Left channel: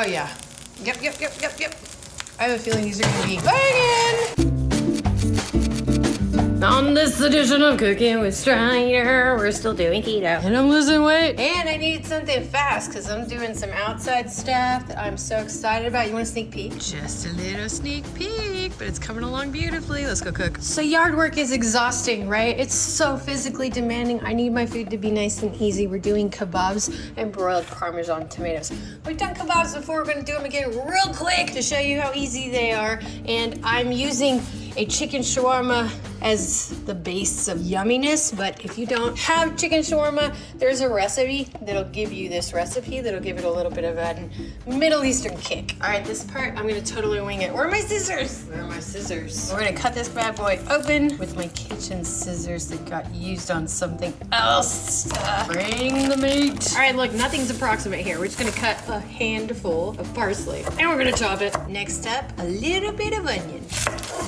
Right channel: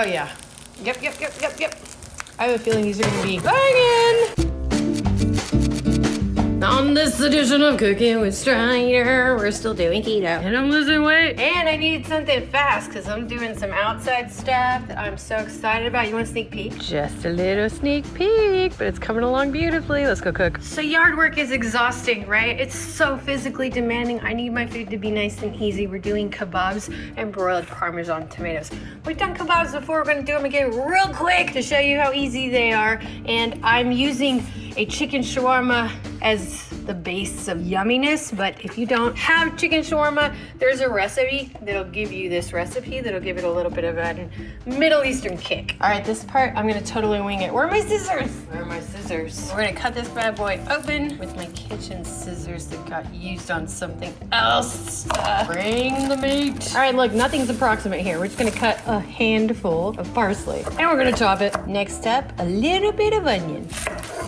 Oh yeah. Yep. I have a feeling these are gonna be banging. On this edition of Cooking with Strider, we're still doing keto. And I'm losing weight. And I needed something fast because I'm doing some outside stuff that I'm so excited about. You want a sneak peek? Just a little sneak peek, but it's coming along beautifully. Let's go cook. So yard work is exhausting, right? It's so physically demanding. I need my food to be nice and easy. We're doing kebabs and broiled Parmesan tomatoes. We've done kebabs before. We're gonna do them again real quick to show you how easy they are. And I'm using a chicken shawarma as the base of yumminess, but if you don't have chicken shawarma, there's a recipe that'll give you this recipe that'll give it a little bit of a Middle Eastern kick. All right, this part, I'm gonna totally wing it. Where are my scissors? Where are my scissors? We're gonna cut this bad boy open with my kitchen scissors that got used on something else. Bring the meat. All right, look, nothing's approximate here. We're just gonna cut a handful of parsley and we're gonna chop it. Next up, a little bit of onion.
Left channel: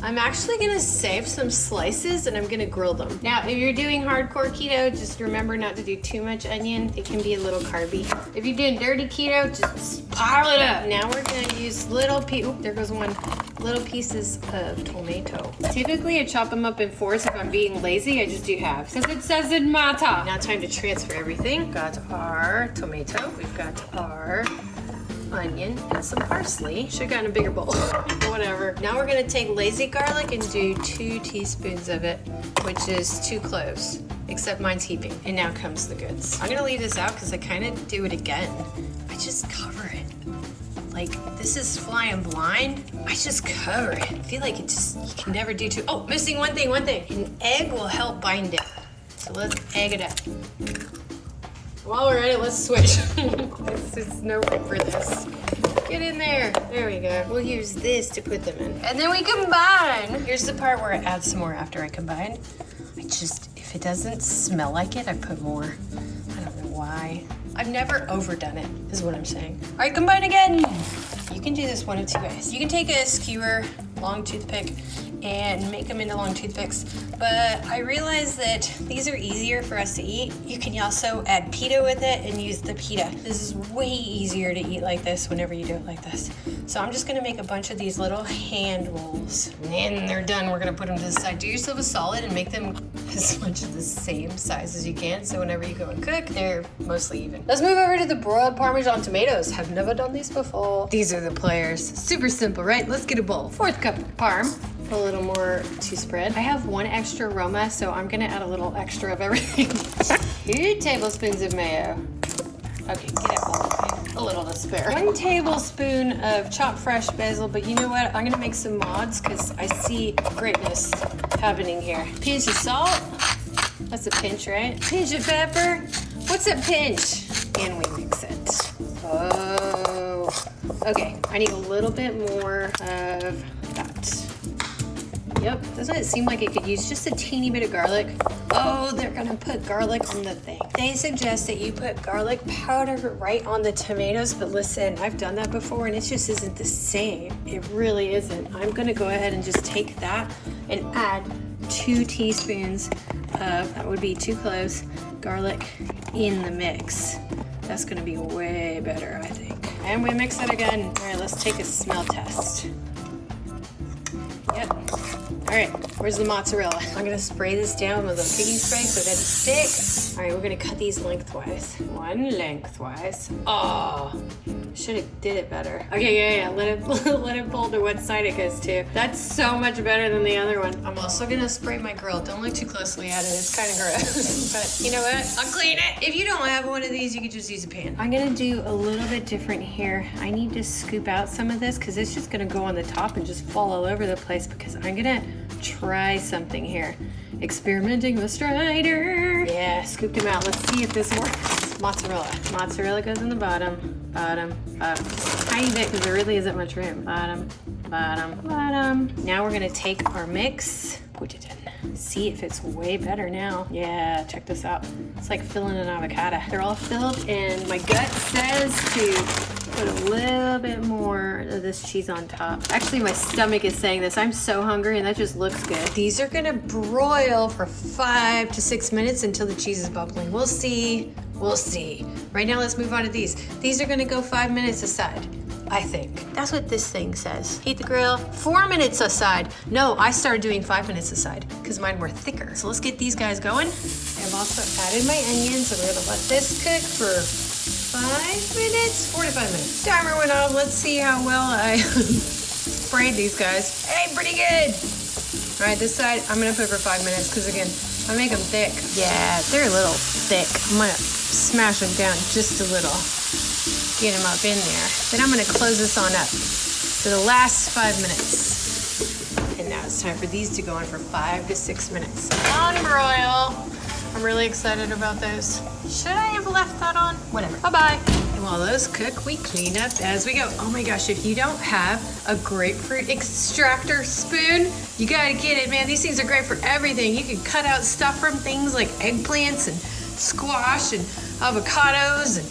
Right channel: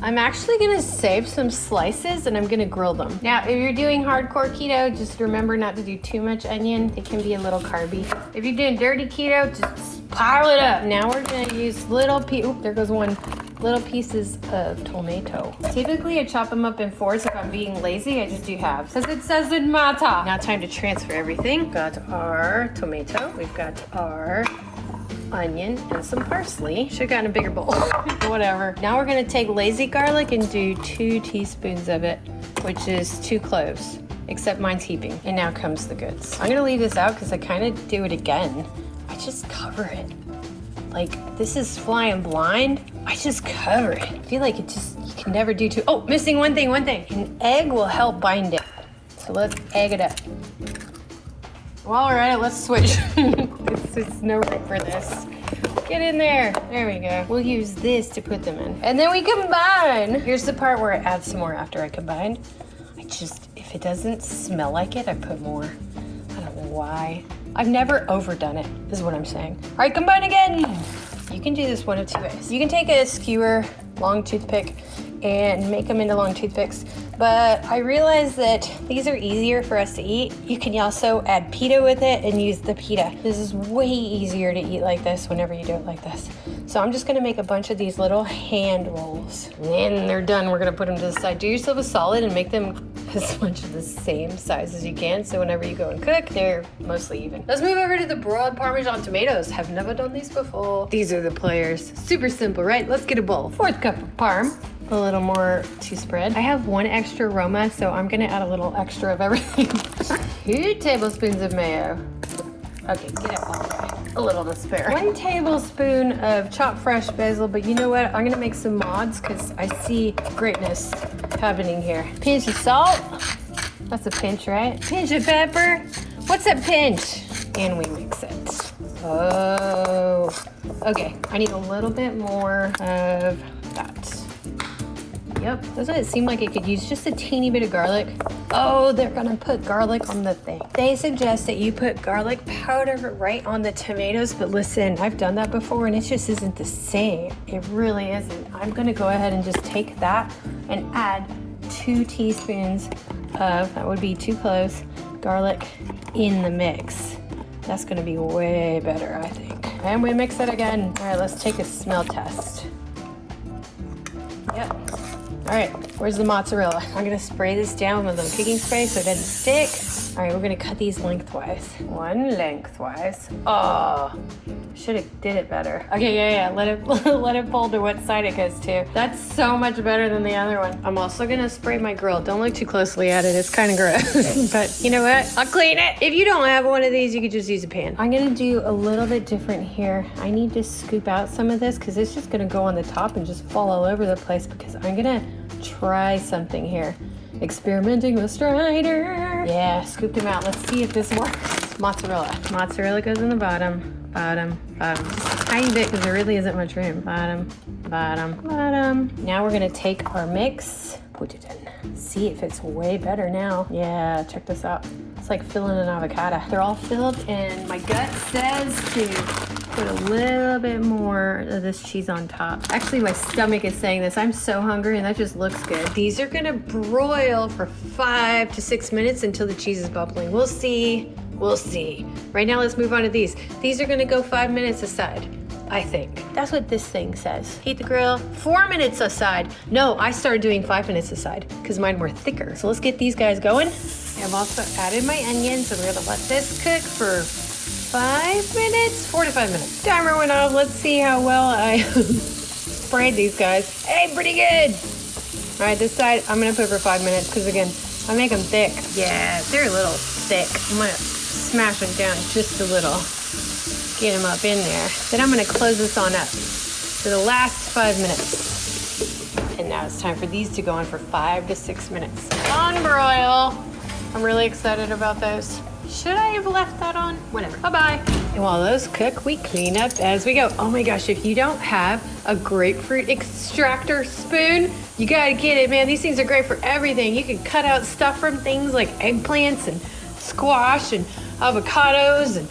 I'm actually gonna save some slices and I'm gonna grill them. Now, if you're doing hardcore keto, just remember not to do too much onion. It can be a little carby. If you're doing dirty keto, just pile it up. Now we're gonna use little there goes one. Little pieces of tomato. Typically, I chop them up in fours. If I'm being lazy, I just do halves. Because it says in my top. Now time to transfer everything. We've got our tomato. We've got our onion and some parsley. Should have gotten a bigger bowl. Whatever. Now we're gonna take lazy garlic and do 2 teaspoons of it, which is 2 cloves, except mine's heaping. And now comes the goods. I'm gonna leave this out because I kind of do it again. I just cover it. Like, this is flying blind. I just cover it. I feel like you can never do too. Oh, missing one thing. An egg will help bind it. So let's egg it up. All right, let's switch. It's no room for this. Get in there. There we go. We'll use this to put them in. And then we combine. Here's the part where I add some more after I combine. If it doesn't smell like it, I put more. I don't know why. I've never overdone it, is what I'm saying. All right, combine again. You can do this one of 2 ways. You can take a skewer, long toothpick, and make them into long toothpicks. But I realized that these are easier for us to eat. You can also add pita with it and use the pita. This is way easier to eat like this whenever you do it like this. So I'm just gonna make a bunch of these little hand rolls. And they're done. We're gonna put them to the side. Do yourself a solid and make them as much of the same size as you can. So whenever you go and cook, they're mostly even. Let's move over to the broiled Parmesan tomatoes. Have never done these before. These are the players. Super simple, right? Let's get a bowl. 1/4 cup of parm. A little more to spread. I have 1 extra aroma, so I'm gonna add a little extra of everything. 2 tablespoons of mayo. Okay, get up a little to spare. 1 tablespoon of chopped fresh basil, but you know what? I'm gonna make some mods because I see greatness happening here. Pinch of salt. That's a pinch, right? Pinch of pepper. What's a pinch? And we mix it. Oh. Okay, I need a little bit more of that. Yep, doesn't it seem like it could use just a teeny bit of garlic? Oh, they're gonna put garlic on the thing. They suggest that you put garlic powder right on the tomatoes, but listen, I've done that before and it just isn't the same. It really isn't. I'm gonna go ahead and just take that and add 2 teaspoons of, that would be 2 cloves, garlic in the mix. That's gonna be way better, I think. And we mix it again. All right, let's take a smell test. Yep. All right, where's the mozzarella? I'm gonna spray this down with a cooking spray so that it's thick. All right, we're gonna cut these lengthwise. 1 lengthwise. Oh, should have did it better. Okay, yeah, let it pull to what side it goes to. That's so much better than the other one. I'm also gonna spray my grill. Don't look too closely at it, it's kind of gross. But you know what? I'll clean it. If you don't have one of these, you could just use a pan. I'm gonna do a little bit different here. I need to scoop out some of this because it's just gonna go on the top and just fall all over the place because I'm gonna try something here. Experimenting with Strider. Yeah, scooped him out. Let's see if this works. Mozzarella. Mozzarella goes in the bottom. Just a tiny bit because there really isn't much room. Bottom. Now we're gonna take our mix, put it in. See if it's way better now. Yeah, check this out. It's like filling an avocado. They're all filled and my gut says to put a little bit more of this cheese on top. Actually, my stomach is saying this. I'm so hungry and that just looks good. These are gonna broil for 5 to 6 minutes until the cheese is bubbling. We'll see. Right now, let's move on to these. These are gonna go 5 minutes aside. I think. That's what this thing says. Heat the grill, 4 minutes aside. No, I started doing 5 minutes aside because mine were thicker. So let's get these guys going. I've also added my onions, so we're gonna let this cook for 5 minutes, 4 to 5 minutes. Timer went off. Let's see how well I sprayed these guys. Hey, pretty good. All right, this side, I'm gonna put for 5 minutes because again, I make them thick. Yeah, they're a little thick. I'm gonna smash them down just a little. Get them up in there. Then I'm gonna close this on up for the last 5 minutes. And now it's time for these to go on for 5 to 6 minutes. On broil. I'm really excited about those. Should I have left that on? Whatever, bye-bye. And while those cook, we clean up as we go. Oh my gosh, if you don't have a grapefruit extractor spoon, you gotta get it, man. These things are great for everything. You can cut out stuff from things like eggplants and squash and avocados and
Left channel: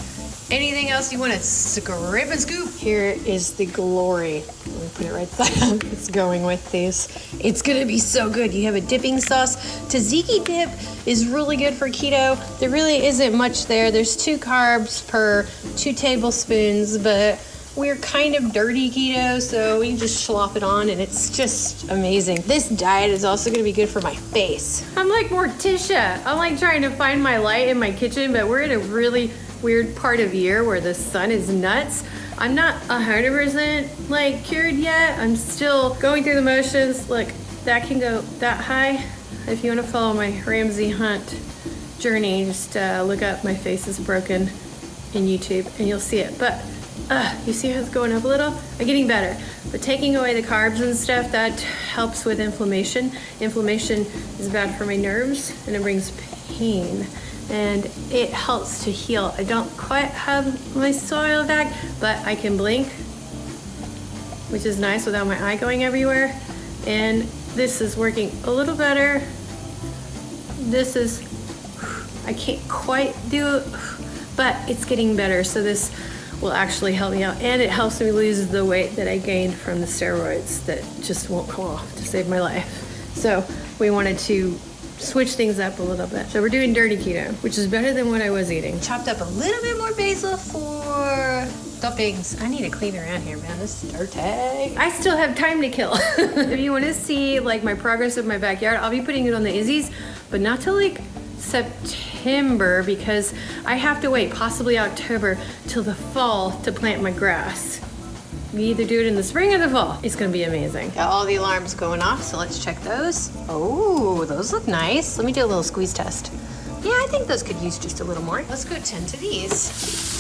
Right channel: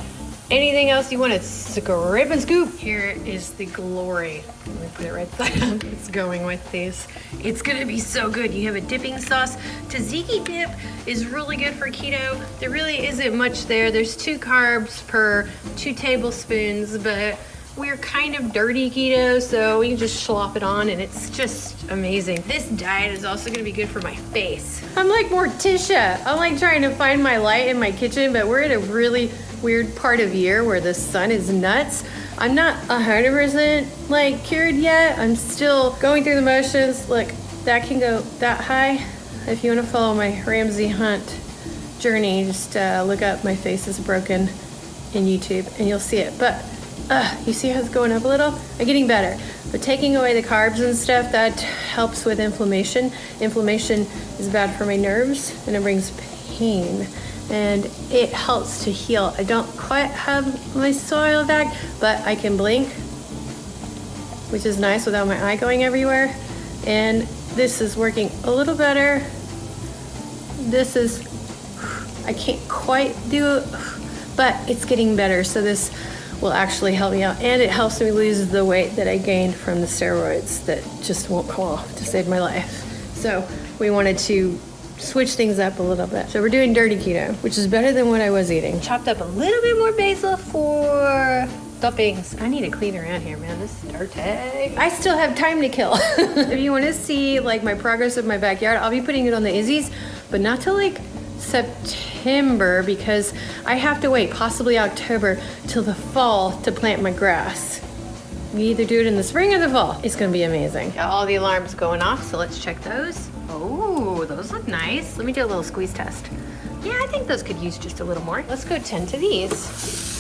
anything else you want to scrape and scoop. Here is the glory. Let me put it right side up. It's going with these. It's gonna be so good. You have a dipping sauce. Tzatziki dip is really good for keto. There really isn't much there. There's 2 carbs per 2 tablespoons, but we're kind of dirty keto, so we can just slop it on and it's just amazing. This diet is also gonna be good for my face. I'm like Morticia. I'm like trying to find my light in my kitchen, but we're in a really weird part of year where the sun is nuts. I'm not 100% like cured yet. I'm still going through the motions. Look, that can go that high. If you want to follow my Ramsay Hunt journey, just look up My Face is Broken in YouTube and you'll see it. But you see how it's going up a little? I'm getting better. But taking away the carbs and stuff, that helps with inflammation. Inflammation is bad for my nerves and it brings pain. And it helps to heal. I don't quite have my soil back, but I can blink, which is nice without my eye going everywhere. And this is working a little better. This is, I can't quite do it, but it's getting better. So this will actually help me out. And it helps me lose the weight that I gained from the steroids that just won't come off to save my life. So we wanted to switch things up a little bit. So we're doing dirty keto, which is better than what I was eating. Chopped up a little bit more basil for toppings. I need to clean around here, man. This is dirty. I still have time to kill. If you want to see like my progress of my backyard, I'll be putting it on the Izzys, but not till like September because I have to wait possibly October till the fall to plant my grass. We either do it in the spring or the fall. It's gonna be amazing. Got all the alarms going off, so let's check those. Oh, those look nice. Let me do a little squeeze test. Yeah, I think those could use just a little more. Let's go 10 to these.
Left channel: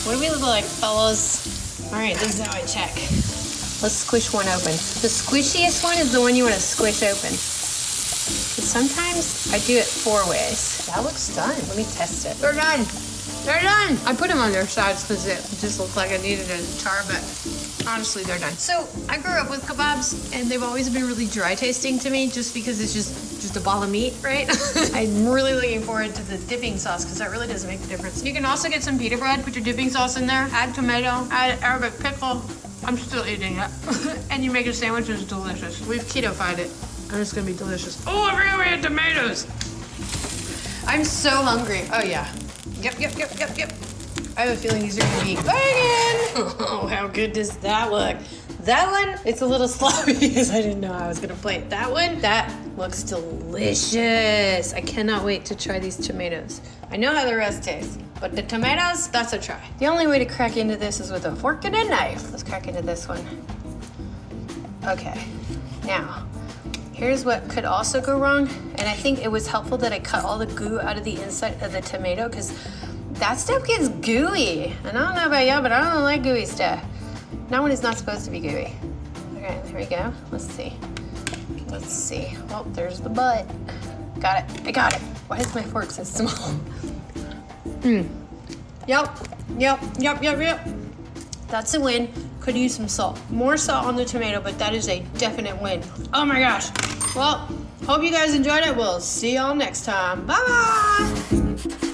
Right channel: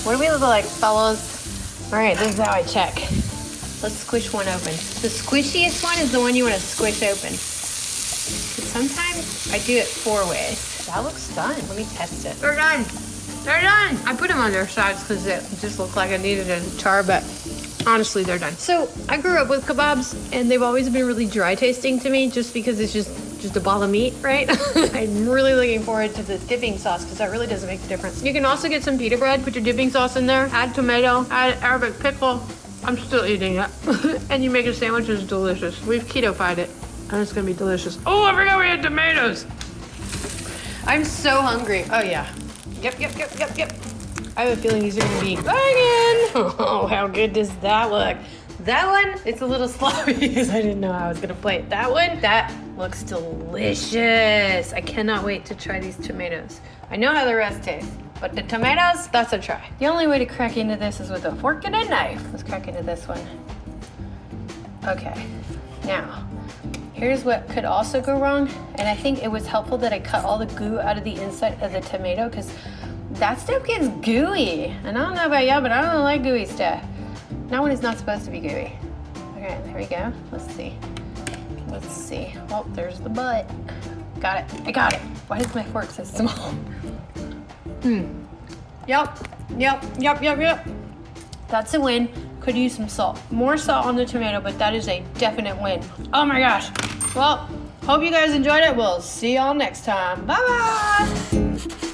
What do we look like, fellas? All right, this is how I check. Let's squish one open. The squishiest one is the one you wanna squish open. But sometimes I do it 4 ways. That looks done. Let me test it. They're done. They're done. I put them on their sides because it just looked like I needed a char, but honestly, they're done. So I grew up with kebabs and they've always been really dry tasting to me just because it's just a ball of meat, right? I'm really looking forward to the dipping sauce because that really does make a difference. You can also get some pita bread, put your dipping sauce in there, add tomato, add Arabic pickle. I'm still eating it. And you make a sandwich, it's delicious. We've keto-fied it and it's gonna be delicious. Oh, I forgot we had tomatoes. I'm so hungry. Oh yeah. Yep. I have a feeling these are gonna be banging. Oh, how good does that look? That one, it's a little sloppy because I didn't know I was gonna plate. That one, that looks delicious. I cannot wait to try these tomatoes. I know how the rest tastes, but the tomatoes, that's a try. The only way to crack into this is with a fork and a knife. Let's crack into this one. Okay, now, here's what could also go wrong. And I think it was helpful that I cut all the goo out of the inside of the tomato because that stuff gets gooey. And I don't know about y'all, but I don't like gooey stuff. Not when it's not supposed to be gooey. Okay, there we go. Let's see. Oh, there's the butt. Got it. I got it. Why is my fork so small? Yep. That's a win. Could use some salt. More salt on the tomato, but that is a definite win. Oh my gosh. Well, hope you guys enjoyed it. We'll see y'all next time. Bye-bye.